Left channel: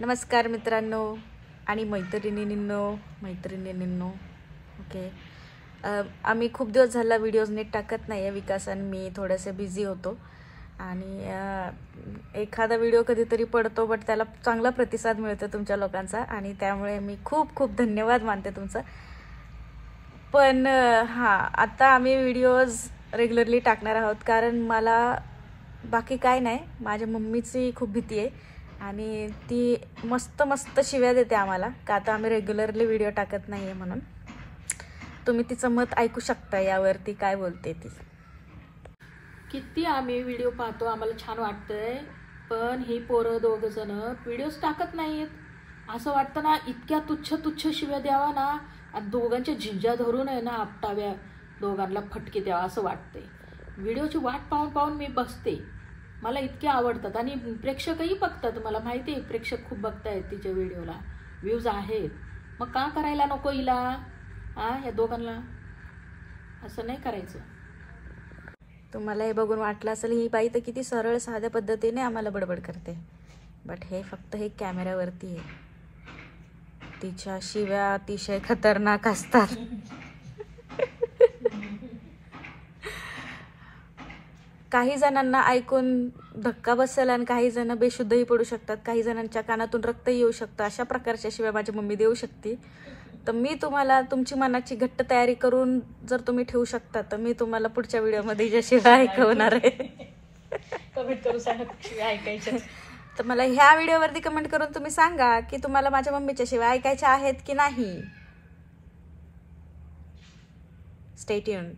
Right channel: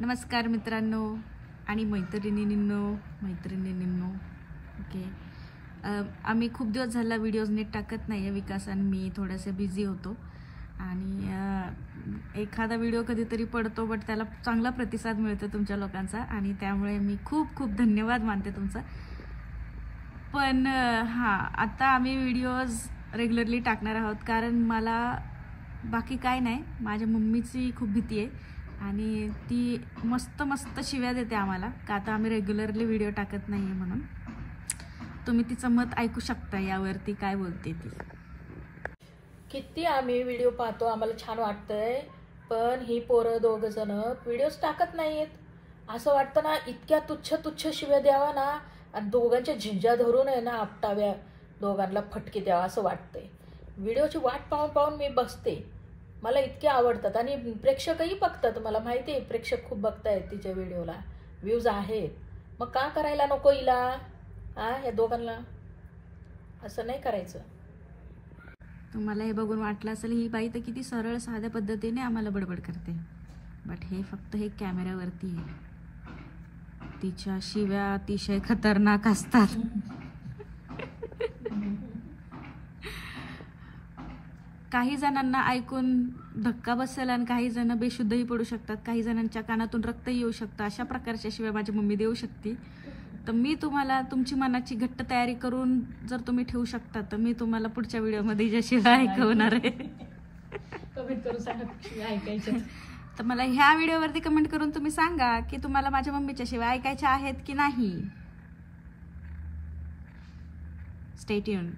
नमस्कार मित्रांनो आणि मैत्रिणींनो ओके. आम्ही खूप दिवस झाला व्हिडिओज नीट टाकत नाही आहे. विकास आणि मी थोडेसे बिझी होतो आणि एखादा व्हिडिओ कधीतरी पडतो, बट त्याला चांगला प्रतिसाद मिळतो तुमच्या लोकांचा आणि त्यामुळे मी खूप खूप धन्यवाद मानते तुमचा. पण हां, आता आम्ही व्हिडिओज रेग्युलरली टाकणार आहोत कारण मला बाकी काय नाही, माझ्या मम्मीची खूप भीती आहे आणि ती मस्त मस्त शिव्या देते आम्हाला का आता आम्ही रेग्युलरली व्हिडिओ टाकत नाही आहे म्हणून. तुम्ही तिचं मत ऐकू शकता यावरती काय बोलते ती. किती आम्ही व्हिडिओ पाहतो, आम्हाला छान वाटतंय, पण ही पोरं दोघ जण व्हिडिओज टाकत नाहीत. असं वाटतं ना, इतक्या तुच्छ तुच्छ शिव्या द्यावा ना आणि दोघांच्या झिंजा धरून आहे ना आपटाव्या, दोघांना फटके द्यावा असं वाटतंय. व्हिडिओची वाट पाहून पाहून मी बसते. मला इतके आवडतात आणि प्रेक्षकही बघतात. मला माहिती आहे प्रेक्षक खूप बघतायत तिच्या व्हिडिओला, व्ह्यूज आहेत. मग का करायला नको हिला? या दोघांना असं नाही करायचं. तुम्हाला हे बघून वाटलं असेल ही बाई तर किती सरळ साध्या पद्धतीने आम्हाला बडबड करते, बट हे फक्त हे कॅमेऱ्यावरती आहे. तिच्या शिव्या अतिशय खतरनाक असतात. काही जणांना ऐकून धक्का बसेल आणि काही जण बेशुद्धही पडू शकतात, काही जणांच्या कानातून रक्तही येऊ शकतं. अशा प्रकारच्या शिव्या माझी मम्मी देऊ शकते. तर मी तुम्हाला तुमची मनाची घट्ट तयारी करून जर तुम्ही ठेवू शकता तर मी तुम्हाला पुढच्या व्हिडिओमध्ये ज्या शिव्या ऐकवणार आहे कमेंट करून सांगा शिव्या ऐकायच्या. तर मला ह्या व्हिडिओवरती कमेंट करून तुम्ही सांगा की तुम्हाला माझ्या मम्मीच्या शिव्या ऐकायच्या आहेत की नाही. Stay tuned.